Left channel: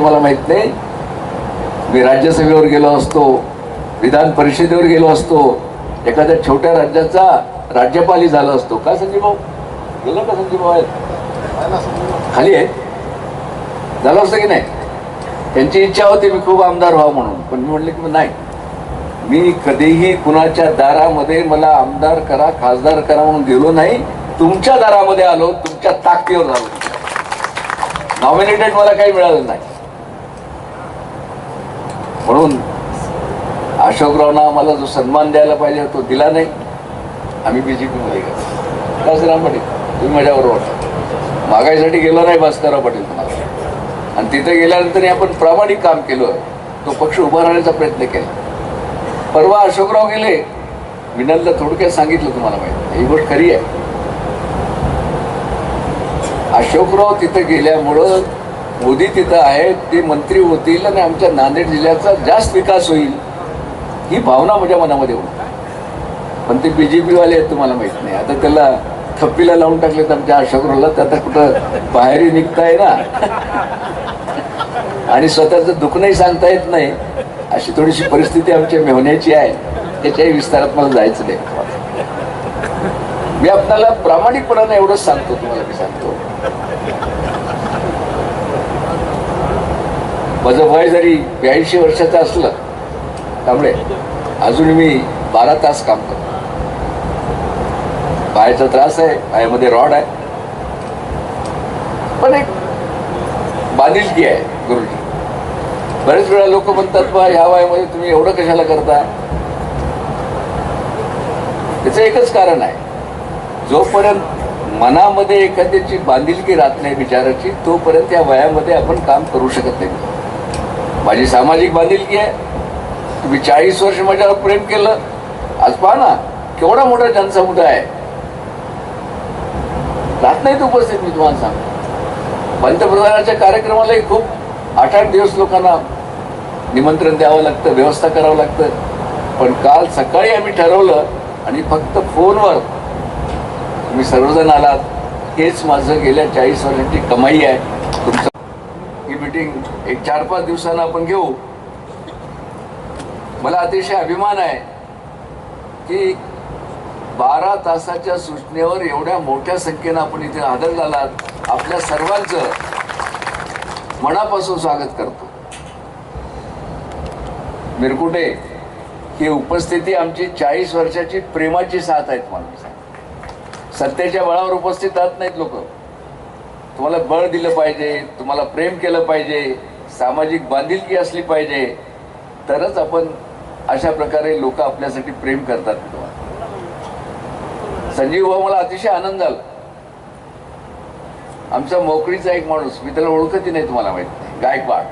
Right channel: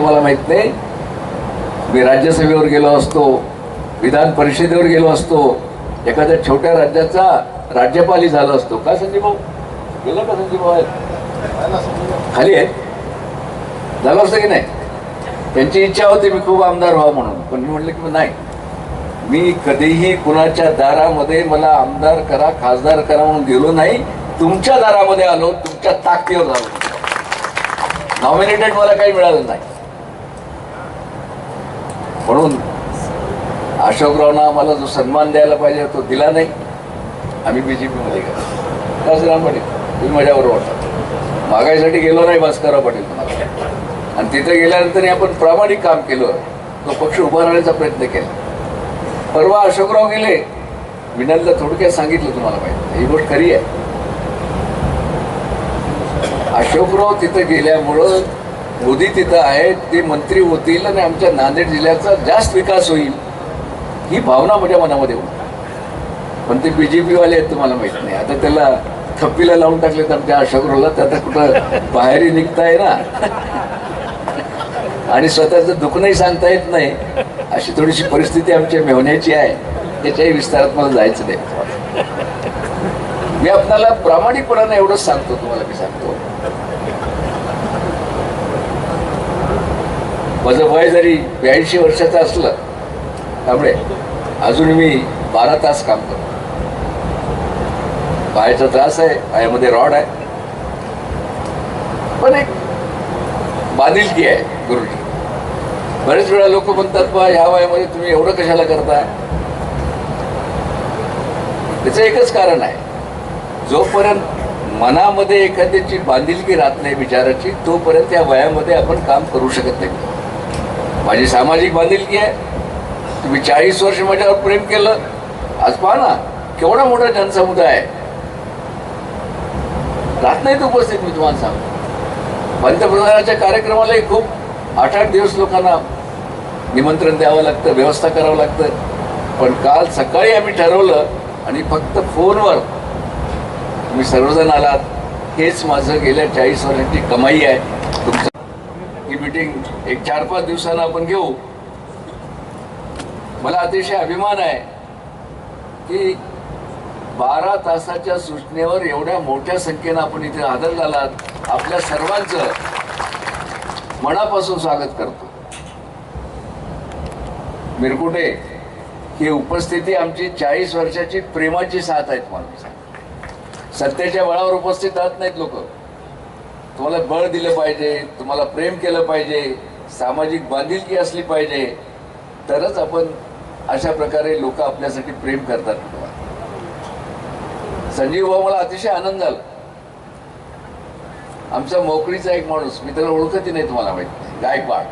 मला माहीत नाही. मी राज्यसभेवर गेलो असतो विधान परिषदेवर गेलो असतो एखाद्या छोट्या राज्याचा राज्यपालही झालो असतो. का संजय भाऊ? गेलो का संजय भाऊ खाली आहे? झालं असतं की नाही? त्यांची इच्छा होती मी खूप आमदार व्हावं म्हणून पण मी म्हटलं की नाही. मी कधीही कुणाच्या दारामध्ये मला आमदार करा खासदार करा म्हणून गेलो नाही. तुमच्या दारामध्ये आलो तुमच्या ताकदीवर आलो नॉमिनेटेड मला काही मिळालं नाही. म्हणून अशोकरावना आम्हाला जो सन्मान द्यायला पाहिजे तो दिला नाही. आम्ही बी जे पीमध्ये गेलो. काय पाटील तुम्ही माझ्याबरोबर होता मागाईसाठी गेलो नाही भास्करराव पाटील तुम्हाला. आणि तिथे गेल्यानंतर आपण प्रामाणिक काम केलं. तो पक्ष उभा राहण्याचा प्रयत्न केला. परवा अशोकराव गेले. विनलला थोडक्यात सांगितलं तुम्हाला माहिती. ही गोष्ट खरी आहे. अशोकराव तिथं गेल्यामुळं मोदी तिथं आहेत ते मंत्री होतील आणि आमच्या नांदेड जिल्ह्याचा जास्त विकास होईल ही भावना माझ्या मनामध्ये होती. पण ते बीजेपी वाले आहेत तुम्हाला माहीत नाही. आता त्याला थप्पीला लावून टाकले तर आमच्या आशागृहला तर आता कुठं बाहेरही निघताय ना. आणि स्वतःचं दुखणंही सांगता येत नाही अशी थोडीशी परिस्थिती आमच्या मेहण्याची आहे. त्याच्याही विस्तारात मला जायचं नाही. मी आपल्याला प्रामाणिकपणानं एवढंच सांगतो तुम्हाला मी सांगतो. माझं वय जरी ब्याऐंशी वर्षाचं असलं त्यामुळे अजून मी बारा तास काम करतो. पायाचा त्रास आहे पायामध्ये रॉड आहे. पण एक बांधिलकी आहे गुरुजी. बरेच वेळा लोक म्हणतात बा ह्या वयामध्ये तुम्ही एवढं कशाला करताय? त्याचं एकच कारण आहे. जोपर्यंत मनामध्ये एखाद्याची बांधिलकी राहत नाही विचाराची तोपर्यंत या वयामध्ये आपण काम करू शकत नाही. माझी सामाजिक बांधिलकी आहे. तुम्ही चाळीस वर्ष माझ्यावर प्रेम केलं. आज पहा ना केवढा मोठा जनसमुदाय आहे. राहत नाहीत उपस्थित मी तुम्हाला सांग पंतप्रधानाच्या कार्यक्रमालाही खूप आठ आठ दिवस लोकांना निमंत्रण द्यावं लागतं व्यवस्था करावं लागतं. पण काल सकाळी आम्ही ठरवलं आणि फक्त फोनवर तुम्ही सर्वजण आलात. हेच माझं गेल्या चाळीस वर्षांची कमाई आहे. मीटिंग एक चार पाच दिवसानं आपण घेऊ. मला अतिशय अभिमान आहे की बारा तासाच्या सूचनेवर एवढ्या मोठ्या संख्येनं आपण इथे हजर झालात आपल्या सर्वांचं मनापासून स्वागत करतो. मिरकुटे ही उपस्थिती आमची चाळीस वर्षाची प्रेमाची साथ आहेत माणूस. सत्तेच्या बळावर उपस्थित राहत नाहीत लोक. तुम्हाला बळ दिलं पाहिजे तुम्हाला प्रेम केलं पाहिजे सामाजिक बांधिलकी असली पाहिजे तरच आपण अशा प्रकारे लोक आपल्यासाठी प्रेम करतात. संजीव भाऊ मला अतिशय आनंद झाला. आमचा मोकळीचा एक माणूस मी त्याला ओळखतही नाही तुम्हाला माहीत गायकवाड.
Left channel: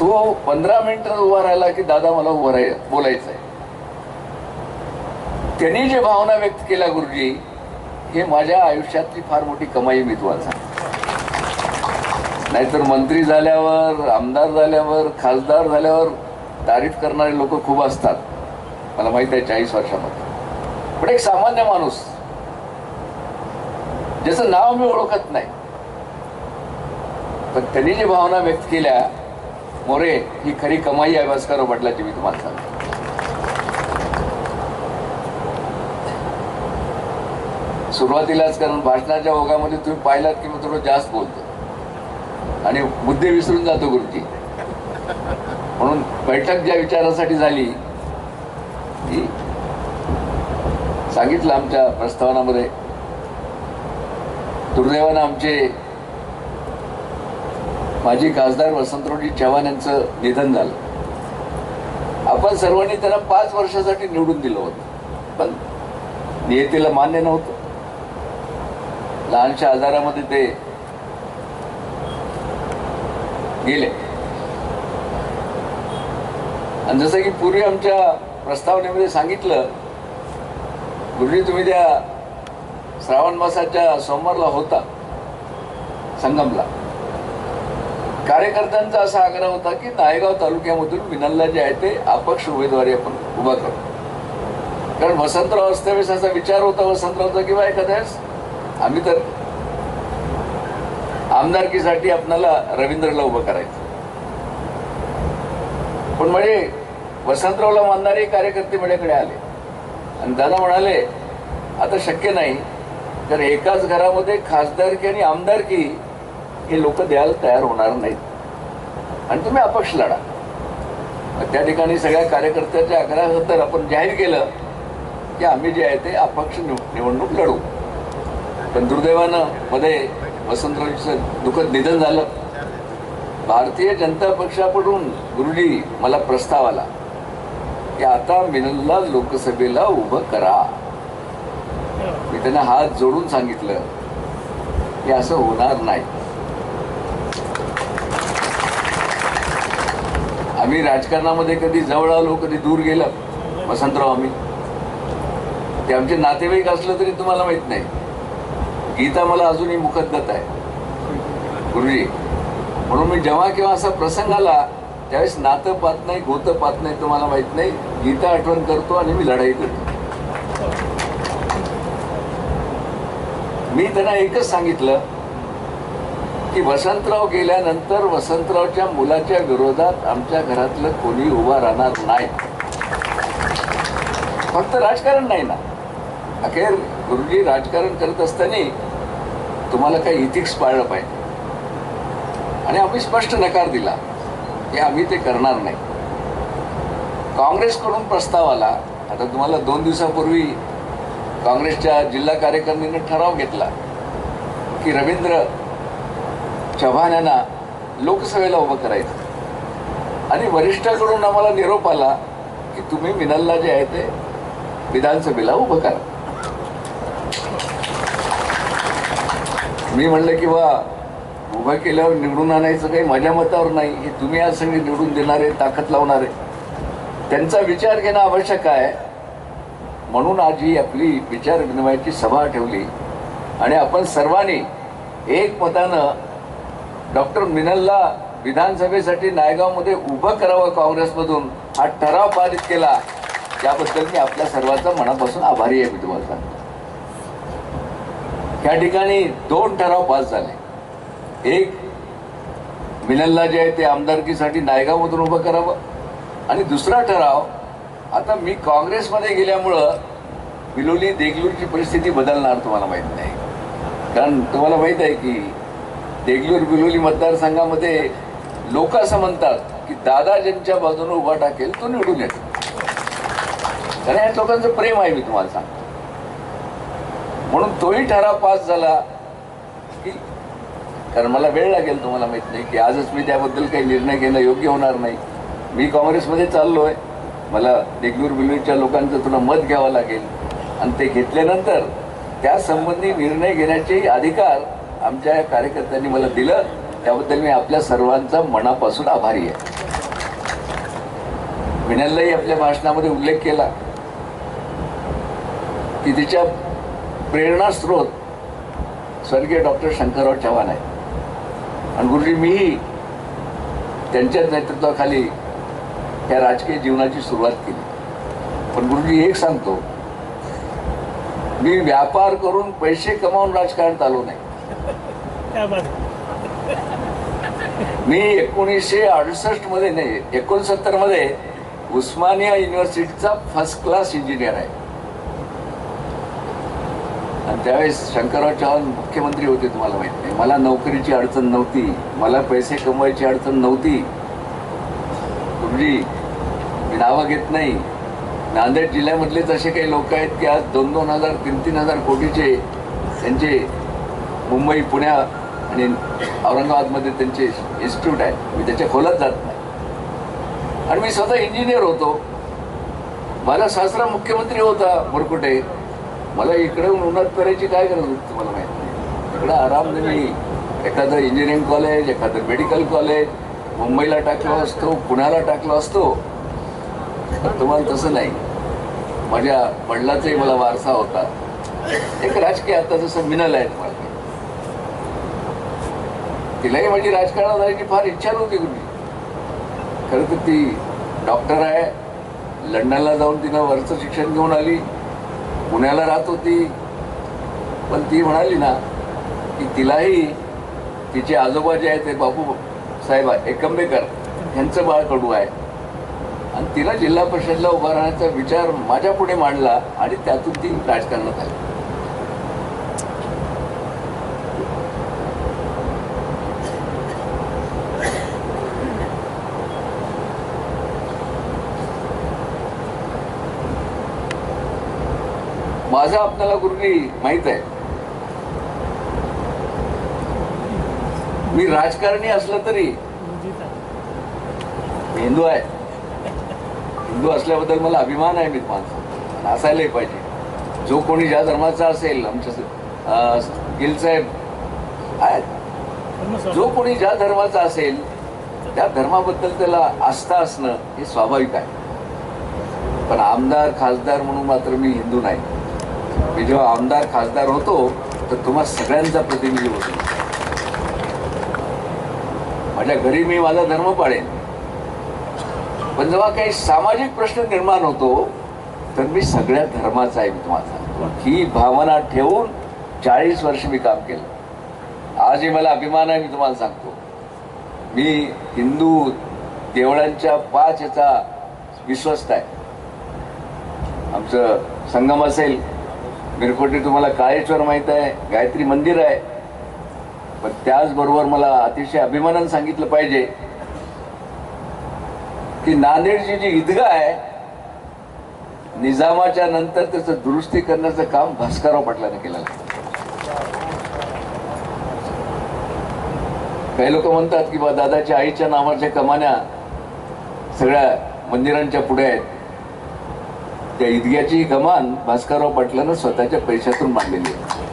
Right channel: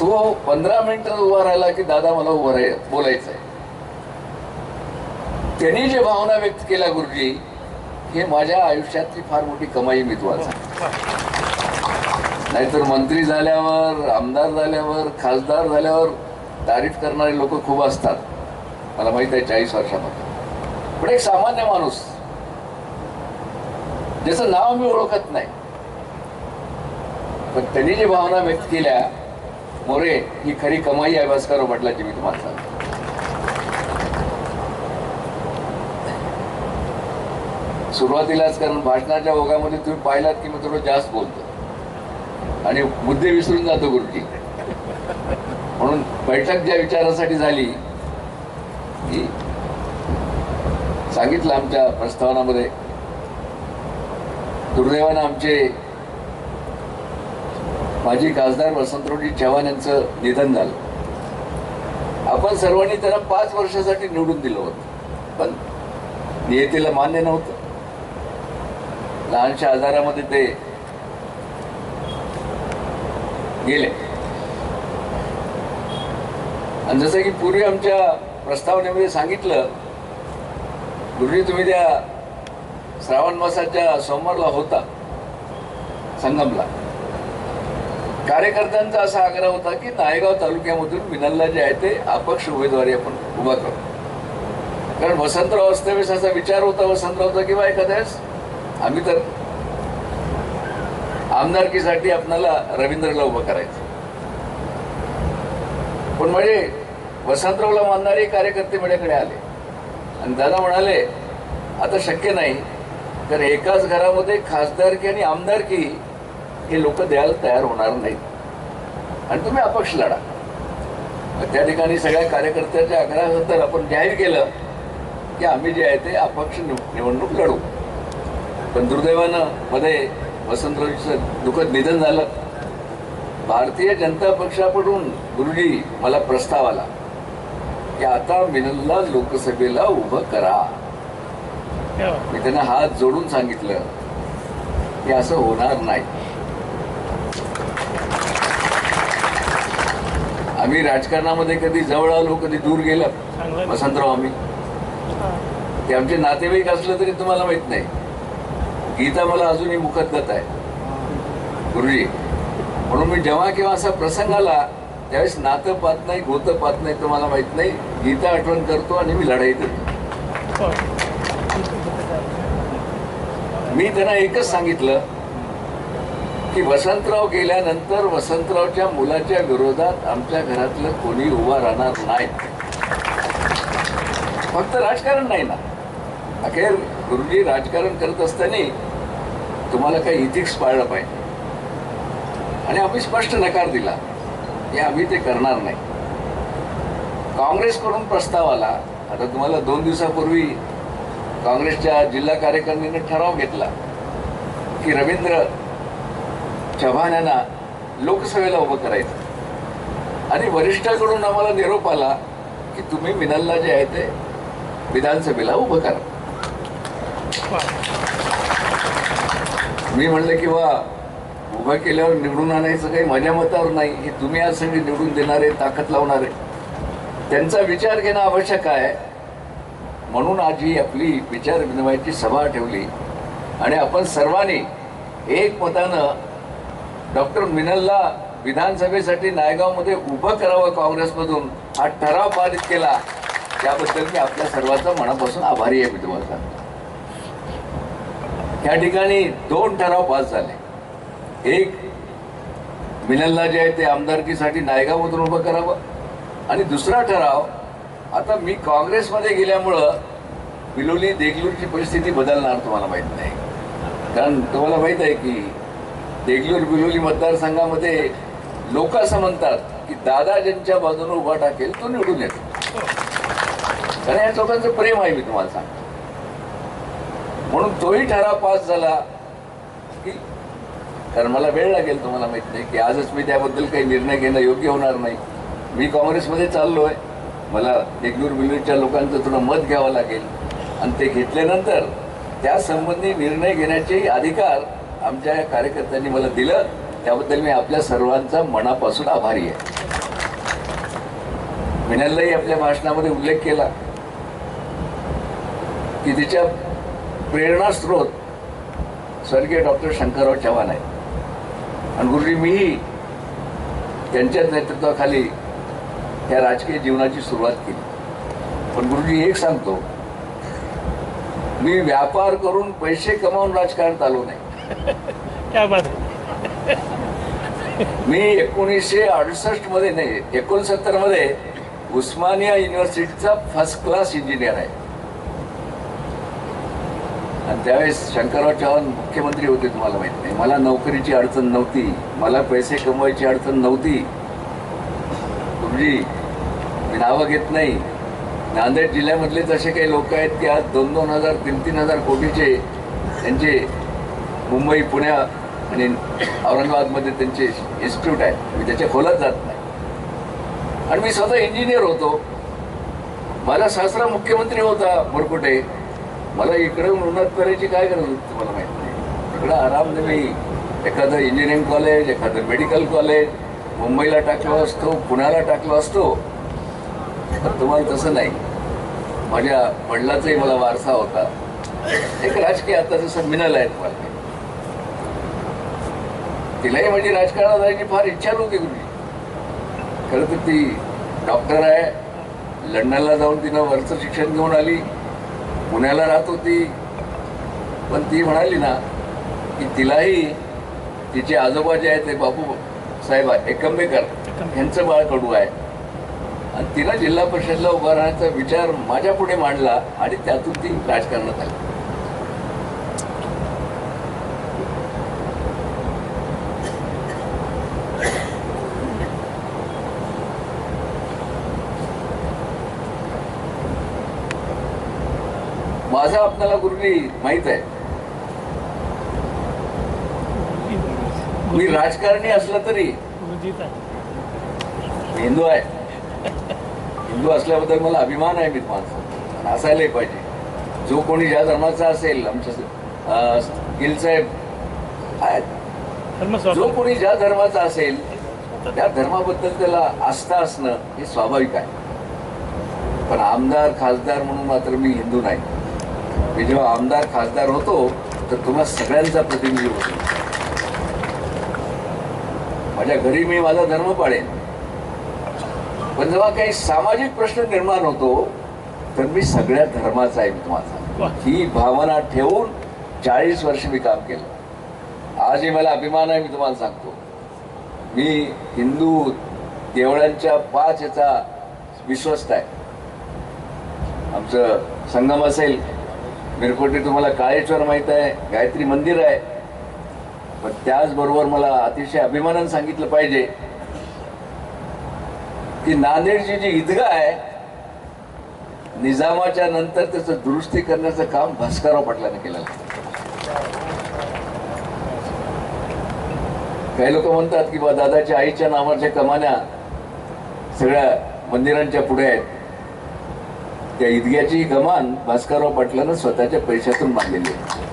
तो पंधरा मिनिटं उभा राहिला की दादा मला उभं राहील बोलायचं आहे त्यांनी जे भावना व्यक्त केल्या गुरुजी हे माझ्या आयुष्यातली फार मोठी कमाई मी तुम्हाला नाहीतर मंत्री झाल्यावर आमदार झाल्यावर खासदार झाल्यावर तारीफ करणारे लोक खूप असतात. मला माहीत आहे चाळीस वर्षामध्ये. पण एक सामान्य माणूस ज्याचं नाव मी ओळखत नाही पण त्यांनी जी भावना व्यक्त केल्या मोरे ही खरी कमाई आहे भास्कर म्हटल्याची मी तुम्हाला सांगतो. सुरुवातीलाच कारण भाषणाच्या ओघामध्ये तुम्ही पाहिलात की मी थोडं जास्त बोलतो. आणि मुद्दे विसरून जातो गुरुजी म्हणून बैठक ज्या विचारासाठी झाली ती सांगितलं आमच्या प्रस्तावनामध्ये. दुर्दैवानं आमचे माजी खासदार वसंतरावजी चव्हाण यांचं निधन झालं. आपण सर्वांनी त्यांना पाच वर्षासाठी निवडून दिलं होतं. पण नियतीला मान्य नव्हतं. लहानशा आजारामध्ये ते गेले. आणि जसं की पूर्वी आमच्या प्रस्तावनेमध्ये सांगितलं गुरुजी तुम्ही त्या श्रावण मासाच्या सोमवारला होता संगमला. कार्यकर्त्यांचा असा आग्रह होता की नायगाव तालुक्यामधून विनलला जे आहे ते अपक्ष उमेदवारी आपण उभा करू. कारण वसंतराव असतेवेळेस असा विचार होता वसंतरावचा किंवा एखाद्यास आम्ही तर आमदारकीसाठी आपणाला रवींद्रला उभं करायचं. पण म्हणजे वसंतरावला मानणारे कार्यकर्ते माझ्याकडे आले. आणि दादा म्हणाले आता शक्य नाही तर एकाच घरामध्ये खासदारकी आणि आमदारकी हे लोक द्यायला तयार होणार नाहीत. आणि तुम्ही अपक्ष लढा. त्या ठिकाणी सगळ्या कार्यकर्त्याच्या आग्रहानंतर आपण जाहीर केलं की आम्ही जे आहे ते अपक्ष निवडणूक लढू. पण दुर्दैवानं मध्ये वसंतरावचं दुःखद निधन झालं. भारतीय जनता पक्षाकडून गुरुजी मला प्रस्ताव आला की आता मिनलला लोकसभेला उभं करा. मी त्यांना हात जोडून सांगितलं की असं होणार नाही. आम्ही राजकारणामध्ये कधी जवळ आलो कधी दूर गेलं वसंतराव आम्ही. ते आमचे नातेवाईक असलं तरी तुम्हाला माहीत नाही. गीता मला अजूनही मुखद्दत आहे. गुरुजी म्हणून मी जेव्हा केव्हा असा प्रसंग आला त्यावेळेस नातं पाहत नाही गोतं पाहत नाही तुम्हाला माहीत नाही गीता आठवण करतो आणि मी लढाई करतो. मी त्यांना एकच सांगितलं की वसंतराव गेल्यानंतर वसंतरावच्या मुलाच्या विरोधात आमच्या घरातलं कोणी उभा राहणार नाही. फक्त राजकारण नाही ना. अखेर गुरुजी राजकारण करत असताना तुम्हाला काही इथिक्स पाळलं पाहिजे. आणि आम्ही स्पष्ट नकार दिला. की आम्ही ते करणार नाही. काँग्रेसकडून प्रस्ताव आला. आता तुम्हाला दोन दिवसापूर्वी काँग्रेसच्या जिल्हा कार्यकारिणीने ठराव घेतला की रवींद्र चव्हाण यांना लोकसभेला उभं करायचं. आणि वरिष्ठाकडून आम्हाला निरोप आला की तुम्ही मिनलला जे आहे ते विधानसभेला उभं करा. मी म्हणलं की वा उभं केल्यावर निवडून आणायचं काही माझ्या मतावर नाही. हे तुम्ही आज सगळी निवडून देणारे ताकद लावणारे त्यांचा विचार घेणं आवश्यक आहे. म्हणून आज ही आपली विचार विनिमयाची सभा ठेवली. आणि आपण सर्वांनी एक मतानं डॉक्टर मिनलला विधानसभेसाठी नायगावमध्ये उभं करावं काँग्रेसमधून. हा ठराव पारित केला. त्याबद्दल मी आपल्या सर्वांचा मनापासून आभारी आहे मी तुम्हाला त्या ठिकाणी दोन ठराव पास झाले. एक मिलनला जे आहे ते आमदारकीसाठी नायगावमधून उभं करावं. आणि दुसरा ठराव आता मी काँग्रेसमध्ये गेल्यामुळं बिलोली देगलूरची परिस्थिती बदलणार तुम्हाला माहीत नाही. कारण तुम्हाला माहीत आहे की देगलूर बिलोली मतदारसंघामध्ये लोक असं म्हणतात की दादा ज्यांच्या बाजूने उभा टाकेल तो निवडून येतो. कारण या लोकांचं प्रेम आहे मी तुम्हाला सांगतो. म्हणून तोही ठराव पास झाला की कारण मला वेळ लागेल तुम्हाला माहीत नाही की आजच मी त्याबद्दल काही निर्णय घेणं योग्य होणार नाही. मी काँग्रेसमध्ये चाललो आहे मला देगलूर बिलूरच्या लोकांचं थोडं मत घ्यावं लागेल. आणि ते घेतल्यानंतर त्यासंबंधी निर्णय घेण्याचे अधिकार आमच्या या कार्यकर्त्यांनी मला दिलं. त्याबद्दल मी आपल्या सर्वांचा मनापासून आभारी आहे. मिनललाही आपल्या भाषणामध्ये उल्लेख केला की तिच्या प्रेरणास्रोत स्वर्गीय डॉक्टर शंकरराव चव्हाण आहे. आणि गुरुजी मीही त्यांच्याच नेतृत्वाखाली या राजकीय जीवनाची सुरुवात केली. पण गुरुजी एक सांगतो मी व्यापार करून पैसे कमावून राजकारणात आलो नाही. मी एकोणीसशे अडुसष्टमध्ये नाही एकोणसत्तरमध्ये उस्मानिया युनिव्हर्सिटीचा फर्स्ट क्लास इंजिनियर आहे. आणि त्यावेळेस शंकरराव चव्हाण मुख्यमंत्री होते तुम्हाला माहीत नाही. मला नोकरीची अडचण नव्हती. मला पैसे कमवायची अडचण नव्हती. तुमची मी नावं घेत नाही. नांदेड जिल्ह्यामधलेच असे काही लोक आहेत की आज दोन दोन हजार तीन तीन हजार कोटीचे त्यांचे मुंबई पुण्या आणि औरंगाबादमध्ये त्यांचे इन्स्टिट्यूट आहेत. मी त्याच्या खोलात जात नाही. आणि मी स्वतः इंजिनियर होतो. मला सासरा मुख्यमंत्री होता मुरकुटे. मला इकडे उन्हात करायची काय गरज होती तुम्हाला माहिती नाही. इकडं आरामने नाही एखादं इंजिनिअरिंग कॉलेज एखादं मेडिकल कॉलेज मुंबईला टाकलो असतो पुण्याला टाकलो असतो तर तुम्हाला तसं नाही. माझ्या वडिलाचाही मला वारसा होता. एक राजकीय आता जसं मिनल आहे तुम्हाला. तिलाही माझी राजकारणात जायची फार इच्छा नव्हती कुठली. खरं तर ती डॉक्टर आहे. लंडनला जाऊन तिनं वरचं शिक्षण घेऊन आली. पुण्याला राहत होती. पण ती म्हणाली ना की तिलाही तिचे आजोबा जे आहेत ते बापू साहेब एकंबेकर यांचं बाळ कडू आहे. आणि तिला जिल्हा परिषदला उभा राहण्याचा विचार माझ्या पुढे मांडला आणि त्यातून ती राजकारणात आली. माझा आपल्याला गुरुजी माहीत आहे. मी राजकारणी असलं तरी हिंदू आहे. हिंदू असल्याबद्दल मला अभिमान आहे मी माणसं असायलाही पाहिजे. जो कोणी ज्या धर्माचा असेल आमच्या गिल साहेब आहेत. जो कोणी ज्या धर्माचा असेल त्या धर्माबद्दल त्याला आस्था असणं हे स्वाभाविक आहे. पण आमदार खासदार म्हणून मात्र मी हिंदू नाही. मी जेव्हा आमदार खासदार होतो तर तुम्हा सगळ्यांचा प्रतिनिधी होतो. माझ्या घरी मी माझा धर्म पाळेन. पण जेव्हा काही सामाजिक प्रश्न निर्माण होतो तर मी सगळ्या धर्माचा आहे मी तुम्हाला. ही भावना ठेवून चाळीस वर्ष मी काम केलं. आजही मला अभिमान आहे मी तुम्हाला सांगतो. मी हिंदू देवळांच्या पाच याचा विश्वस्त आहे. आमचं संगम असेल मिरकोटे तुम्हाला काळेश्वर माहीत आहे गायत्री मंदिर आहे. पण त्याचबरोबर मला अतिशय अभिमानानं सांगितलं पाहिजे की नांदेडची जी ईदगाह आहे निजामाच्या नंतर त्याचं दुरुस्ती करण्याचं काम भास्करराव पाटलाने केलं काही लोक म्हणतात की बा दादाच्या आईच्या नावाच्या कमान्या सगळ्या मंदिरांच्या पुढे आहेत. त्या इदग्याची कमान भास्करराव पाटलानं स्वतःच्या पैशातून मांडलेली आहे.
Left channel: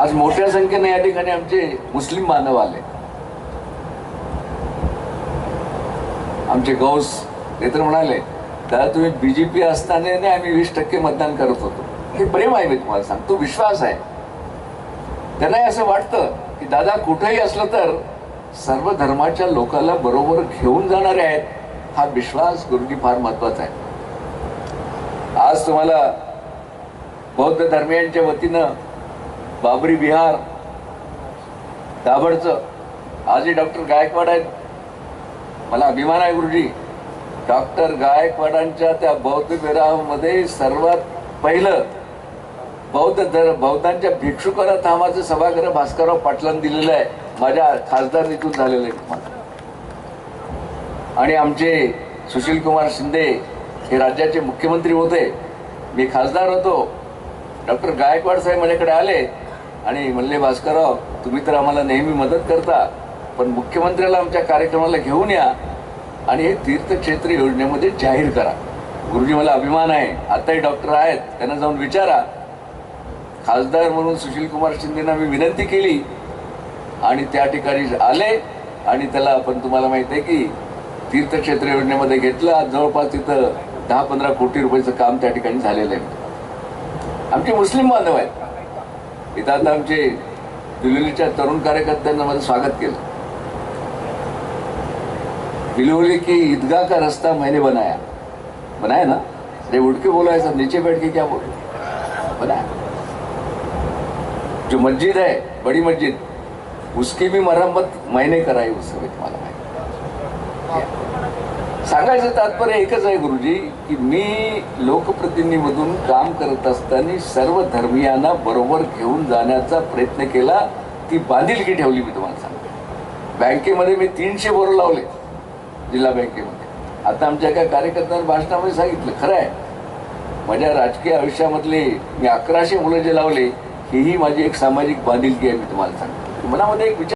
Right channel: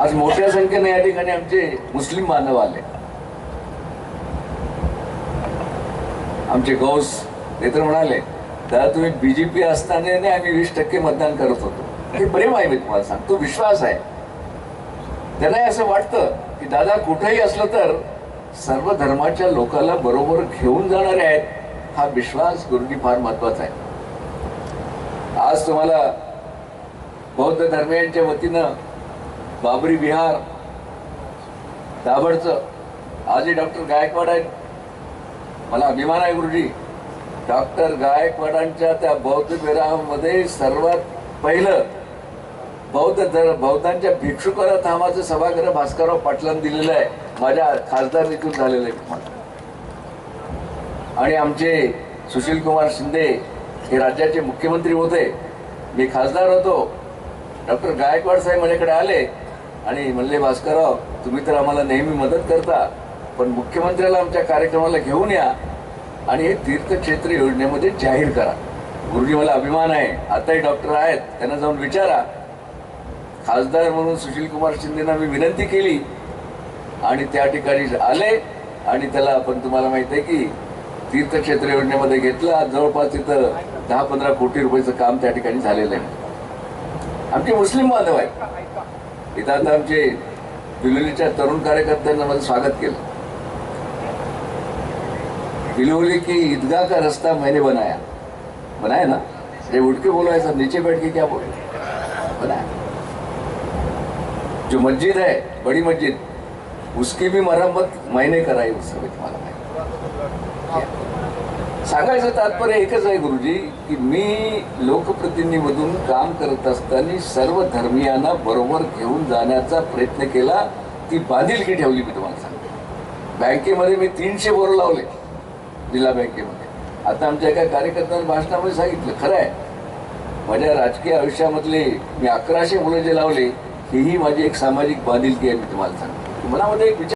आज मोठ्या संख्येने या ठिकाणी आमचे मुस्लिम बांधव आले. आमचे गौस ते तर म्हणाले दादा तुम्ही बीजेपी असताना आम्ही वीस टक्के मतदान करत होतो. हे प्रेम आहे मी तुम्हाला सांगतो. विश्वास आहे. त्यांनाही असं वाटतं की दादा कुठेही असलं तर सर्व धर्माच्या लोकांना बरोबर घेऊन जाणारे आहेत. हा विश्वास गुरुजी फार महत्त्वाचा आहे. आज तुम्हाला बौद्ध धर्मियांच्या वतीनं बाबरी विहार दाभडचं आजही डॉक्टर गायकवाड आहेत. मला अभिमान आहे गुरुजी. डॉक्टर गायकवाडांच्या त्या बौद्ध विरामध्ये सर्वात पहिलं बौद्ध धर बौद्धांच्या भिक्षुकाला थांबाचं सभागृह भास्करराव पाटलांनी दिलेलं आहे. माझ्या खासदार निधून झालेलं आहे. तुम्हाला आणि आमचे सुशील कुमार शिंदे हे राज्याचे मुख्यमंत्री होते. मी खासदार होतो. डॉक्टर गायकवाड साहेब माझ्याकडे आले आणि म्हणले भास्करराव तुम्ही तर आम्हाला नेहमी मदत करता पण मुख्यमंत्र्याला आमच्या कार्यक्रमाला घेऊन या आणि हे तीर्थक्षेत्र योजनेमध्ये जाहीर करा. गुरुजी मला अभिमान आहे. आताही डॉक्टर आहेत. त्यांना जाऊन विचारा. खासदार म्हणून सुशील कुमार शिंदेना मी विनंती केली आणि त्या ठिकाणी आले आणि त्याला आपण तुम्हाला माहिती आहे की तीर्थक्षेत्र योजनेमध्ये घेतलं. आज जवळपास तिथं दहा पंधरा कोटी रुपयाचं काम त्या ठिकाणी झालेलं आहे. आमचे मुस्लिम बांधव आहेत. इथं आता आमचे दिलोलीच्या तरुण कार्यकर्त्यांना माझं स्वागत केलं. दिलोली की ईदगाह का रस्ता मैंने बनाया. बनाया ना? ते उठ के बोलो नीचे बैठ के क्या बोल? बनाया. जो मस्जिद है बड़ी मस्जिद उसकी भी मरम्मत मैंने कराई उस समय तुम्हाला सांगायचं तात्पर्य एकच आहे गुरुजी की मी लोकप्रतिनिधीमधून काम करत असताना सर्व धर्मियांना बरोबर घेऊन जाण्याचा प्रयत्न केला ती बांधिलकी ठेवली मी तुम्हाला सांगते. बँकेमध्ये मी तीनशे बोरं लावले जिल्हा बँकेमध्ये. आता आमच्या एका कार्यकर्त्यांना भाषणामध्ये सांगितलं खरं आहे माझ्या राजकीय आयुष्यामधले मी अकराशे मुलं जे लावले हीही माझी एक सामाजिक बांधिलकी आहे मी तुम्हाला सांगतो. मनामध्ये एक विचार